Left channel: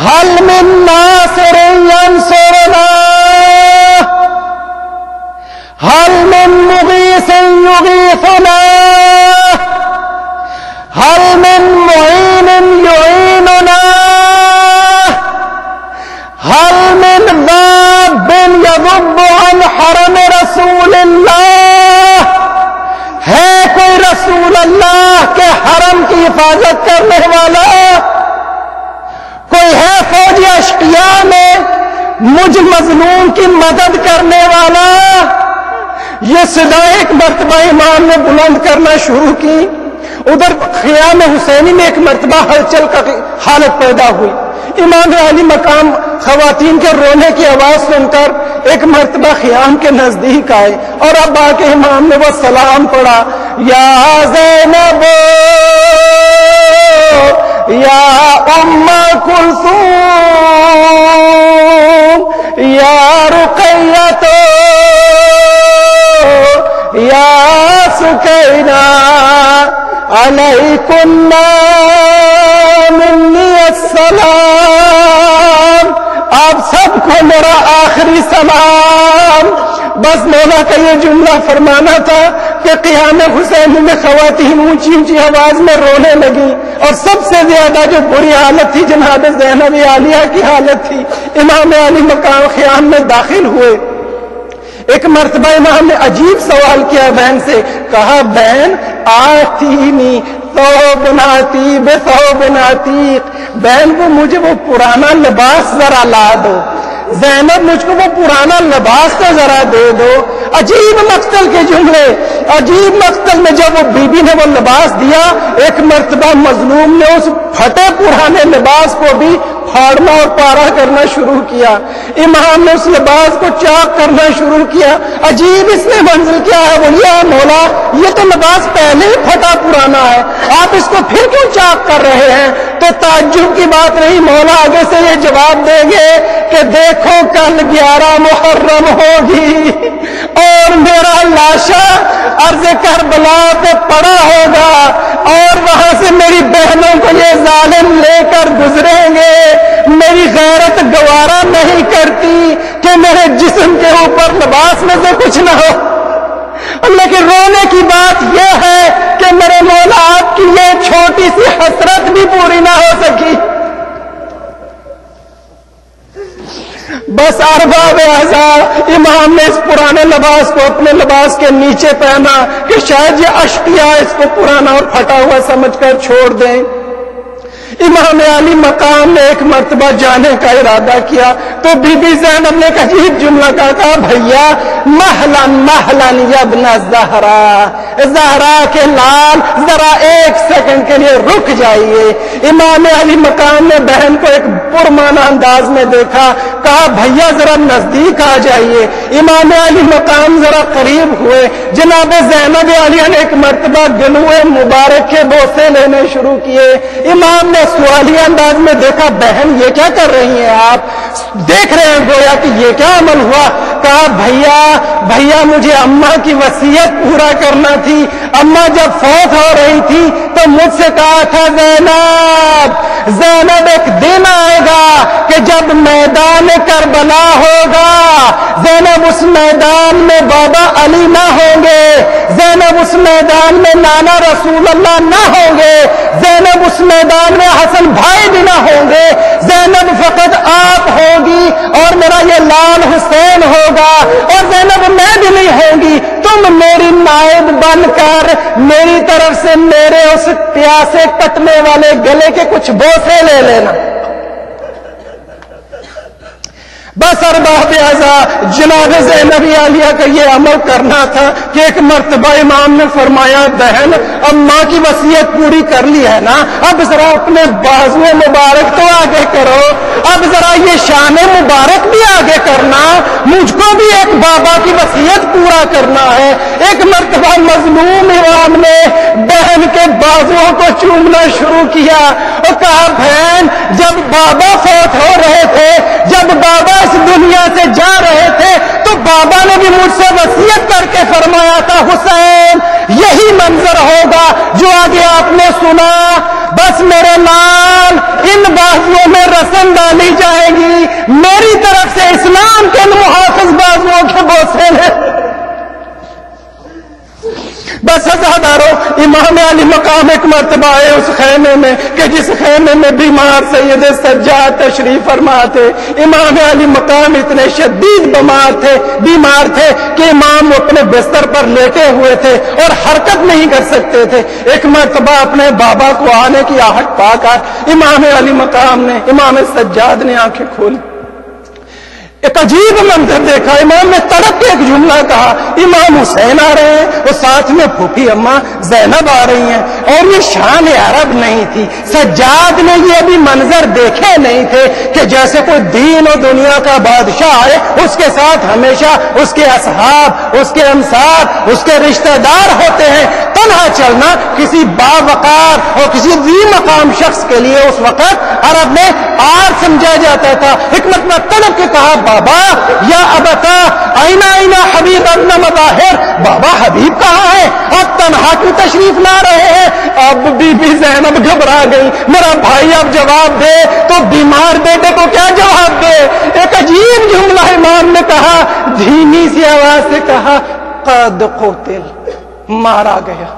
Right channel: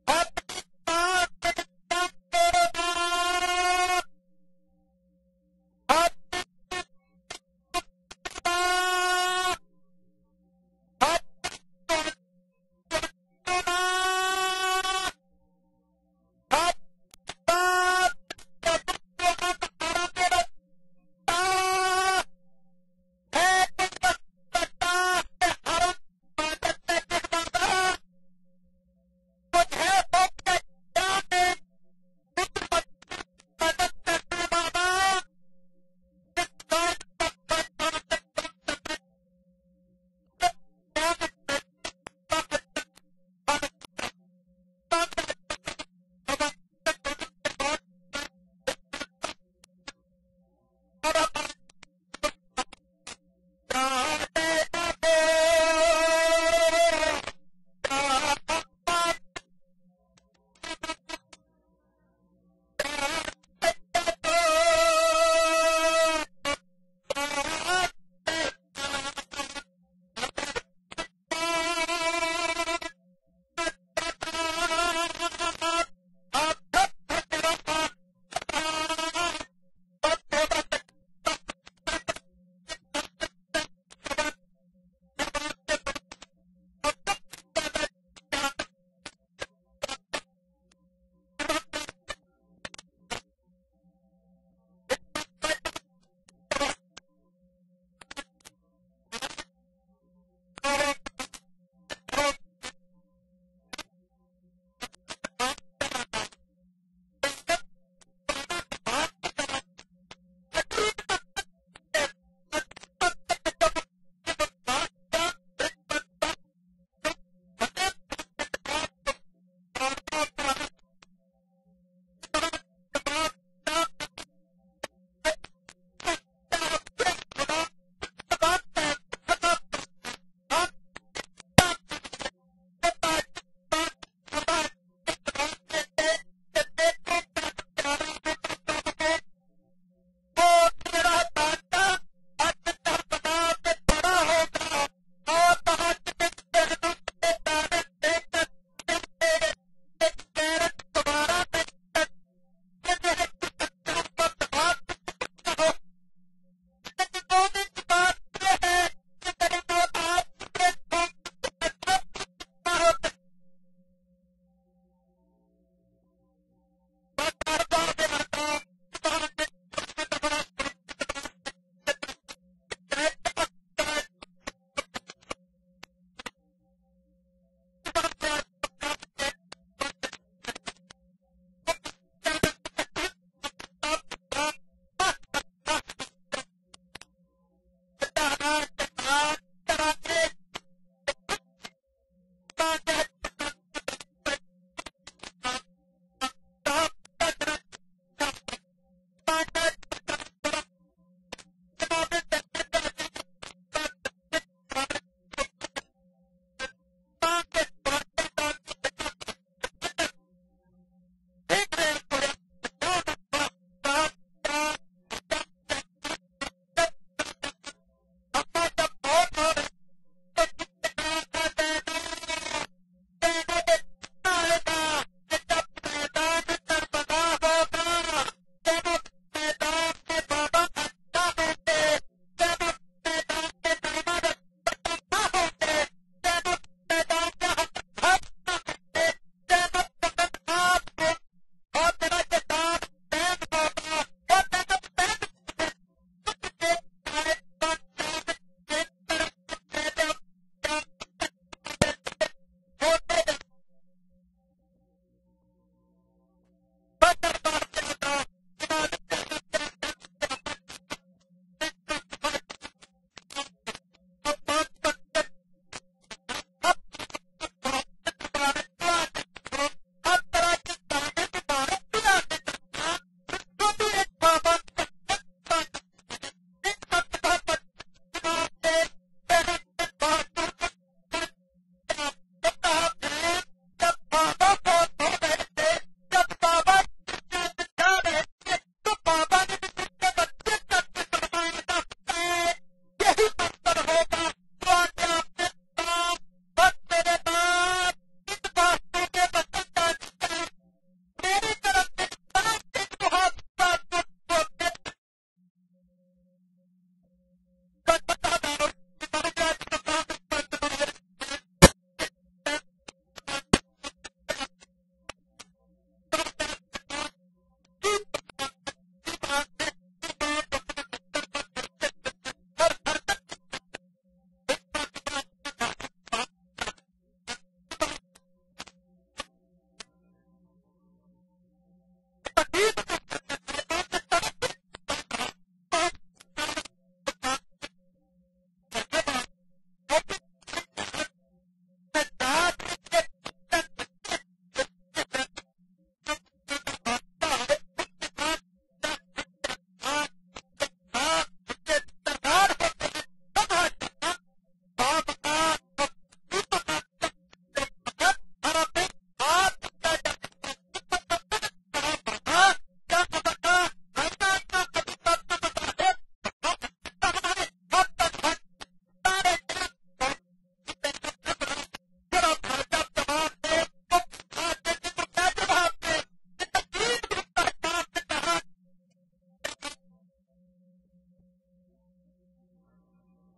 هل من ناصر ينصرنا هل من مغيث يغيثنا هل من معين يعيننا هل من ذاب يذب عن حرم رسول اللہ؟ ہے کوئی رسول اللہ کے حرم کی حفاظت کرنے والا؟ کوئی ہے فوجی اشقیاء میں مجھ مظلوم کی مدد کرنے والا؟ یہ صدا ایک مرتبہ امام نے بلند کرنا شروع کی. ادھر خیام حسینی میں ایک مرتبہ ہلچل کا حالت پیدا ہوئی. امام علی مقام خواتین کے رونے کی آواز سن کر ایک مرتبہ خیام کے نزدیک آئے اور اب آ کے امام نے وہ سلام پڑھا، یا زینب یا ام کلثوم یا رقیۃ یا سکینہ علیکن منی السلام. آپ سب کو میرا آخری سلام. بس مولا کا یہ جملہ فرمانا تھا کہ قیام حسین میں خواتین اونچی اونچی آواز میں رونے لگی اور سب سے زیادہ جو بری حالت تھی جناب زینب عالیہ کی حالت تھی. امام علی مقام خیام میں داخل ہوئے. ایک مرتبہ امام نے عجیب سوال کیا بہن سے، کہا بہن آتینی ثوب عتیق بثوب عتیق، بہن کو مجھے وہ پرانا لباس ذرا لا دو. زینب مجھ کو وہ پرانا لباس تو ذرا دے دو. عجیب مقتل کے جملے. عجیب مقتل میں جب وہ بی بی نے وہ لباس دیا، ایک مرتبہ مظلوم نے اس پھٹے پرانے لباس کو بھی پھاڑنا اور پارا کرنا شروع کیا. امام نے اس لباس کو چاک کرنا شروع کیا. عجیب اس میں منزل کیا ہے؟ بولیا مولا یہ تو لباس پہلے ہی پھٹا پرانا ہے، آپ اس کو پھر کیوں چاک کر رہے ہیں؟ تو تعجب کی بات نہیں، مولا آگے سے یہ جواب دیں گے کہ دیکھو کل 11 محرم ہوگی اور میرا لاشا عرض کربلا پہ پڑا ہوگا اور وہاں سے میری بہنوں کو یہ ظالم لے کر گزریں گے. میری غیرت گوارا نہیں کرتی کہ میرے جسم کے اوپر لباس میں سے کچھ نہ ہو. لیکن رونے کی بات یہ ہے کہ میرے مولا آپ کی یہ چھوٹی سی حسرت بھی پوری نہ ہو سکی. بس ارباب اعضاء امام نے اس پرانے لباس کو اپنے لباس کے نیچے پہنا کہ شاید یہ اشقیاء اس کو پرانا اور پھٹا ہوا سمجھ کر چھوڑ دیں. امام علی مقام نے ایک مرتبہ جانے کا ارادہ کیا تو بی بی زینب نے ایک عجیب جملہ کہا، بھیا محلن محلن یابن زہرا، زہرا کے لال ذرا ایک سیکنڈ کے لیے رک جائیے. امام علی مقام نے بہن کو ایک پرمانہ انداز میں دیکھا، کہا بھیا ذرا نزدیک آ جائیے. امام علی مقام ذرا قریب ہوئے. جناب زینب عالیہ نے ایک مرتبہ گلوئے مبارک کے بوسے لینے شروع کیے. امام نے سوالیہ انداز میں دیکھا، بہن یہ کیا کر رہی ہیں آپ؟ دیکھ رہے ہیں گویا کہ یہ کیا عمل ہوا. کہا بھیا مجھے اماں کی وصیت پورا کرنا تھی. اماں جب فوت ہو رہی تھی تو مجھ سے کہا تھا زینب ایک دن آئے گا کہ جب میدان کربلا ہوگا، زینب اس میدان میں بابا علی نہ ہوں گے، زینب اس میدان میں نانا رسول اللہ نہ ہوں گے، زینب اس میدان میں حسن بھائی بھی نہ ہوں گے، زینب فقط آپ ہوگی اور میرا یہ لال حسین ہوگا اور زینب میں بھی نہیں ہوں گی. تم میری نائب بن کر میری طرف سے میرے اس پیاسے کٹنے والے گلے کے کچھ بوسے لے لینا. بس ارباب اعضاء جناب زینب عالیہ کا یہ عمل کرنا تھا کہ ایک مرتبہ امام نے فرمایا، بہن اماں کی وصیت پوری کر لی ہے نا، اب ذرا اپنے بازو مبارک تو آگے کرو، اب ذرا یہ شان مبارک بھی آگے کرنا، مجھ کو بھی ایک بابا کی وصیت پورا کرنا ہے. ایک مرتبہ مظلوم امام نے بہن کے بازوؤں کو چومنا شروع کیا اور کہا، بہن جب بابا فوت ہو رہے تھے، جب بابا اس دنیا سے جا رہے تھے تو بابا نے بھی مجھ سے وصیت کر کے فرمایا تھا، حسین یہی منظر ہوگا جو آگے آپ نے سنا. بس میرے لال ان بازوؤں میں رسم ڈالے میری طرف سے اسلام کے محافظ بازوؤں کے بوسے لے۔ بس عزادارو، امام علی مقام ایک مرتبہ آئے اس خیمے میں کہ جس خیمے میں بیمار سید سجاد تشریف فرما تھے۔ امام علی مقام اتنے شدید بیمار تھے کہ امام اپنے بستر پر لیٹے ہوئے تھے اور حرکت نہیں کر سکتے تھے۔ ایک مرتبہ اپنے بابا کو آنے کی آہٹ پا کر امام علی مقام نے، امام سجاد نے آنکھیں کھولی، ایک عجیب منظر دیکھا۔ امام نے تڑپ کے ایک جملہ کہا، امام حسین آ رہے ہیں اور ساتھ میں پھوپھی اماں زینب آ رہی ہیں، اور یہ شان عرب نہیں تھی۔ سجاد نے یہ ابھی منظر دیکھے نہیں تھے کہ جیسے کوئی دین و دنیا کا بادشاہ آئے، اس کے ساتھ ہمیشہ اس کے اصحاب، اس کے انصار، اس کے رشتہ دار ہوتے ہیں۔ تنہا چلنا کسی باوقار اور کسی ذی مقام شخص کے لیے اس وقت عرب میں آر سمجھا جاتا تھا۔ حکمت میں تڑپ کے کہا، بابا یا ابتا اینا حبیب ابن مظاہر، بابا حبیب کہاں ہے؟ اب تنہا کی تشریف لا رہے ہیں۔ اب بی بی زینب گھبرا گئی، میرا بھائی اب جواب دے تو بیمار بیٹے کو کیا جواب دے؟ ایک عجیب جملہ امام نے کہا، دھیمی سی آواز سے کہا، قد قتل، مارا گیا۔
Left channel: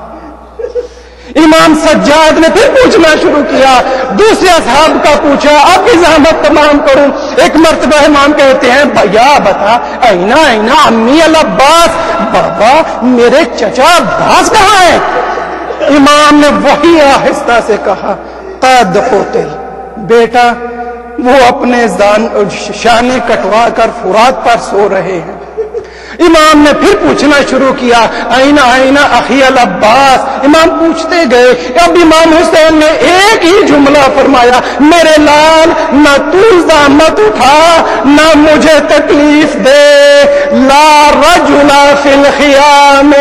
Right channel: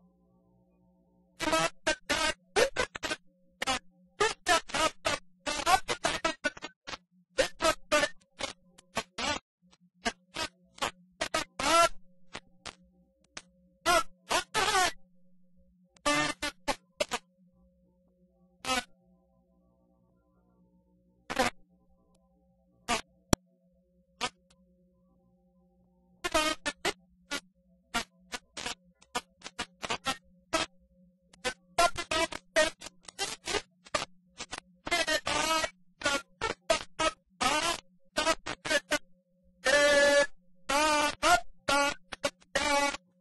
امام سجاد نے پھر پوچھنا شروع کیا، دوسرے اصحاب کا پوچھا، اب بھی زحمت تمام کروں۔ ایک مرتبہ امام کہتے ہیں، بھیا بتا اینا امی العباس، بابا میرے چچا عباس کہاں ہے؟ امام نے وہی آہستہ سے کہا، قد قتل، بیٹا وہ اپنے شانے کٹوا کر فرات پر سو رہے ہیں۔ امام نے پھر پوچھنا شروع کیا، اینا اخی العباس، امام پوچھتے گئے۔ اب امام حسین نے ایک ہی جملہ فرمایا، میرے لال نہ تو زحمت اٹھا نہ مجھے تکلیف دے، لا رجل فی الخیام،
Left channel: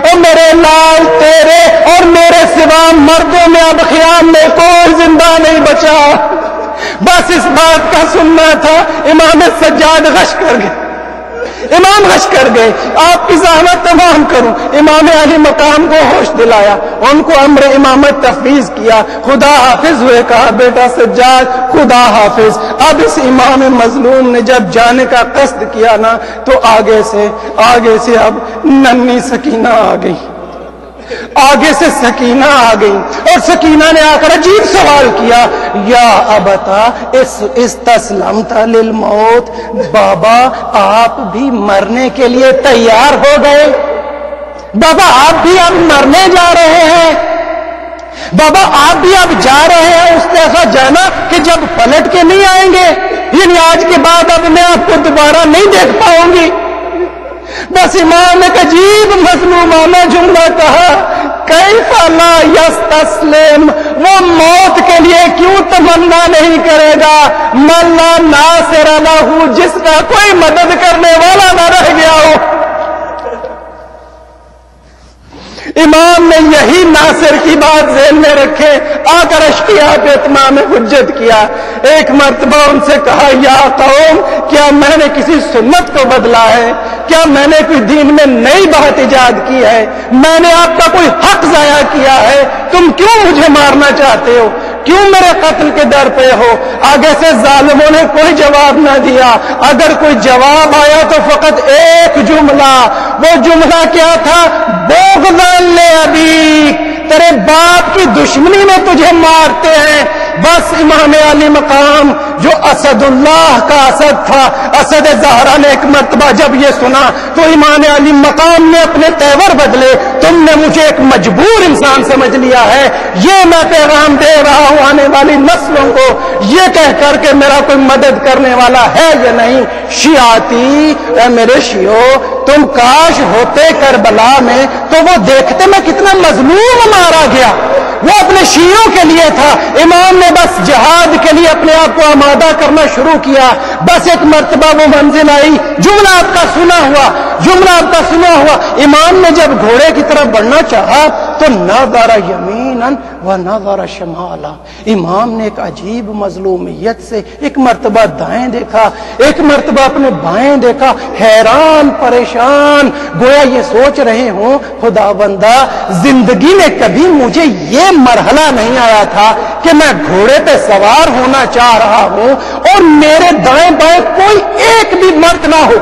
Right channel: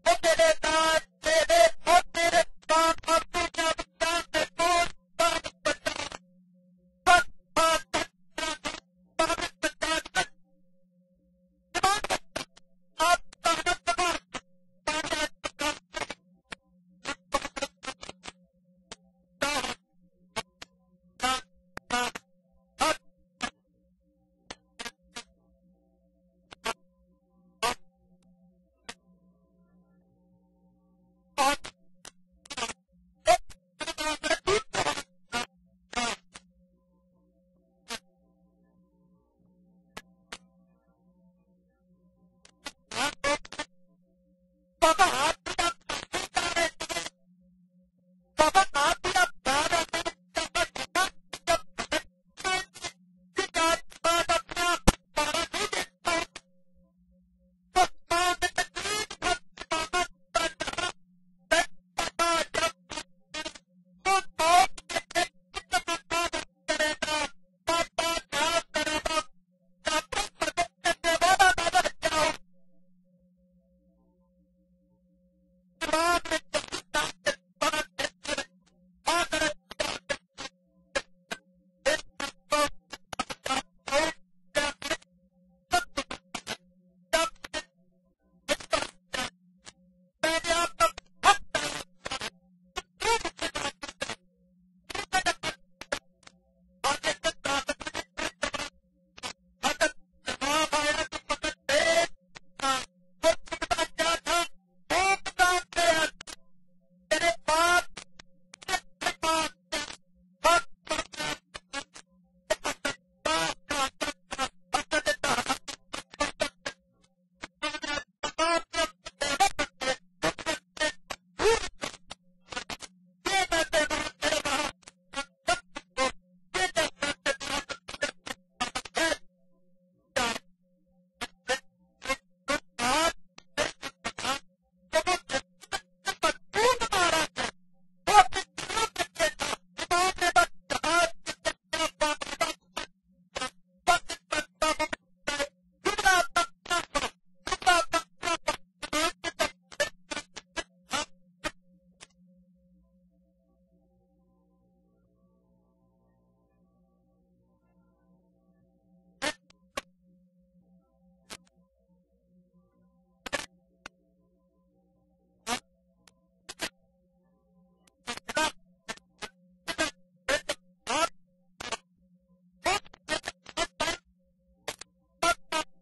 اور میرے لال تیرے اور میرے سوا مردوں میں اب خیام میں کوئی زندہ نہیں بچا۔ بس اس بات کا سننا تھا۔ امام سجاد غش کر گئے، امام غش کر گئے، آپ کی زحمت تمام کروں۔ امام علی مقام کو ہوش دلایا، ان کو امر امامت تفویض کیا، خدا حافظ ہوئے، کہا بیٹا سجاد خدا حافظ۔ اب اس امام مظلوم نے جب جانے کا قصد کیا نا تو آگے سے اب ننھی سکینہ آ گئی، آگے سے سکینہ آ گئی، اور سکینہ نے آ کر عجیب سوال کیا، یا ابتا استسلمت للموت، بابا آپ بھی مرنے کے لیے تیار ہو گئے؟ بابا آپ بھی اب مرنے جا رہے ہیں؟ بابا آپ بھی اب جا رہے ہیں اس طرح جانا کہ جب پلٹ کے نہیں آئیں گے، یعنی آج کے بعد اب میں آپ کو دوبارہ نہیں دیکھ پاؤں گی؟ بس امام نے ایک عجیب مظلومانہ جملہ کہا، کیف لا یستسلم، وہ موت کے لیے کیوں تمنا نہیں کرے گا؟ من لا ناصر لہ، جس کا کوئی مدد کرنے والا نہ رہ گیا ہو۔ امام نے یہی ناصر کی بات ذہن میں رکھے، آ کر اشقیاء پہ اتمام حجت کیا۔ ایک مرتبہ ان سے کہا، یا قوم کیا میں نے کسی سنت کو بدلا ہے؟ کیا میں نے کوئی دین میں نئی بات ایجاد کی ہے؟ میں نے آپ کا کوئی حق ضائع کیا ہے؟ تم کیوں مجھے مارنا چاہتے ہو؟ کیوں میرے قتل کے در پہ ہو؟ آگے سے ظالموں نے کوئی جواب نہ دیا، اگر کوئی جواب آیا تو فقط ایک جملہ، وہ جملہ کیا تھا؟ بغضاً لأبیک، تیرے باپ کی دشمنی میں تجھے مارتے ہیں۔ بس امام علی مقام جو اسد اللہ کا اسد تھا، اسد زہرا نے ایک مرتبہ جب یہ سنا تو امام علی مقام نے اپنے تیور بدلے، تم نے مجھے ایک مجبور انسان سمجھ لیا ہے، یہ میں پیغام دے رہا ہوں آنے والی نسلوں کو، یہ کہہ کر کہ میرا کوئی مدد کرنے والا ہے یا نہیں۔ شیعاتی، اے میرے شیعو، تم کاش ہوتے کربلا میں تو وہ دیکھتے میں کتنا مظلوم مارا گیا، وہ اپنے شیعوں کے لیے تھا۔ امام نے بس جہاد کے لیے اپنے آپ کو آمادہ کرنا شروع کیا۔ بس ایک مرتبہ وہ منزل آئی، جملہ آپ کا سنا ہوا، امام نے جب گھوڑے کی طرف بڑھنا چاہا تو نظر یمین یمیناً ونظر شمالا. امام نے ایک عجیب مظلومیت سے ایک مرتبہ دائیں دیکھا، ایک مرتبہ اپنے بائیں دیکھا، حیران پریشان، گویا یہ سوچ رہے ہوں خدا بندہ زندگی میں کبھی مجھے یہ مرحلہ نہیں آیا تھا کہ میں گھوڑے پہ سوار ہونا چاہ رہا ہوں اور میرے دائیں بائیں کوئی ایک بھی مرد نہ ہو.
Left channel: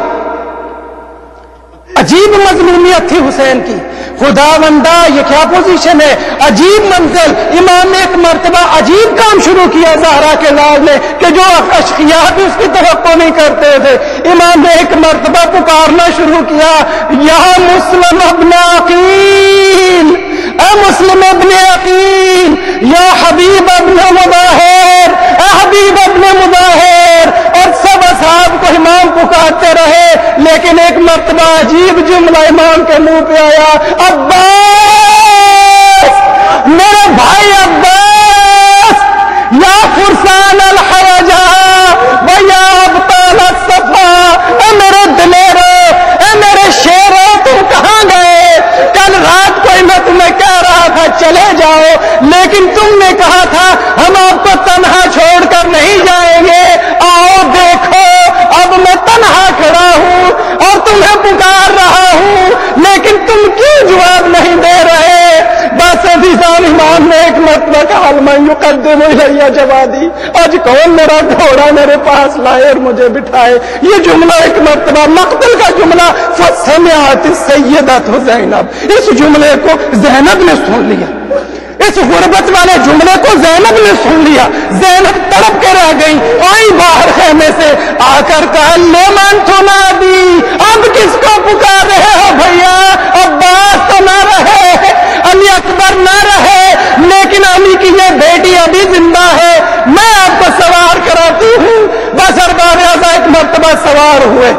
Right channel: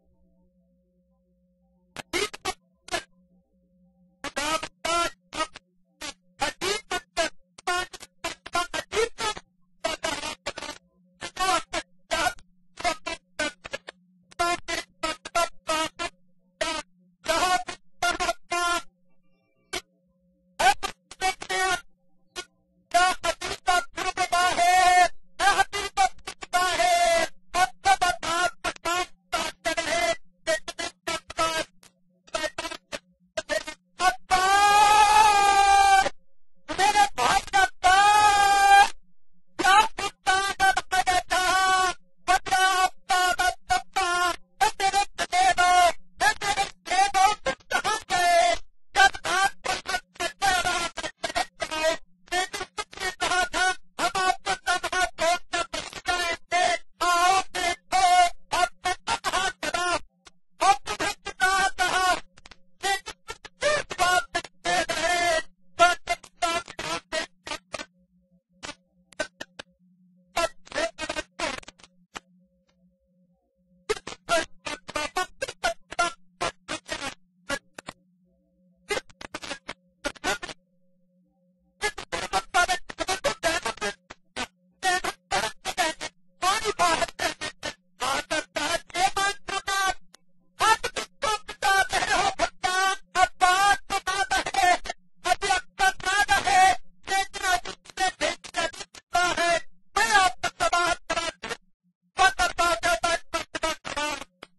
عجیب مظلومیت تھی حسین کی. خدا بندہ یہ کیا پوزیشن ہے، عجیب منزل. امام نے ایک مرتبہ عجیب کام شروع کیا زہرا کے لال نے کہ جو اشقیاء بھی اس کی توقع نہیں کرتے تھے. امام نے ایک مرتبہ پکارنا شروع کیا، یا مسلم ابن عقیل، اے مسلم ابن عقیل، یا حبیب ابن مظاہر، اے حبیب ابن مظاہر. اور سب اصحاب کو امام پکارتے رہے، لیکن ایک مرتبہ عجیب جملہ امام کے منہ پہ آیا، عباس، میرے بھائی عباس، یا فرسان الحرجا و یا ابطال الصفا، اے میرے دلیرو، اے میرے شیرو، تم کہاں گئے؟ کل رات کو میں تمہیں کہہ رہا تھا چلے جاؤ، لیکن تم نے کہا تھا ہم آپ کو تنہا چھوڑ کر نہیں جائیں گے. آؤ دیکھو اب میں تنہا کھڑا ہوں اور تمہیں پکار رہا ہوں، لیکن تم کیوں جواب نہیں دے رہے؟ بس عزیزان امام نے ایک مرتبہ کہا من یقدم الیہ جوادی، آج کون میرا گھوڑا میرے پاس لائے اور مجھے بٹھائے. یہ جملہ ایک مرتبہ مقتل کا جملہ، فسمعت السیدۃ زینب، اس جملے کو زینب نے سن لیا، اس غربت والے جملے کو زینب نے سن لیا. زینب تڑپ کے رہ گئی، آئی باہر خیمے سے، آ کر کہا لمن تنادی، اب کس کو پکار رہے ہو بھیا؟ عباس تو نہ رہے، علی اکبر نہ رہے، لیکن علی کی یہ بیٹی ابھی زندہ ہے، میں آپ کو سوار کراتی ہوں. بس ارباب اعضاء ایک مرتبہ سوار ہوئے.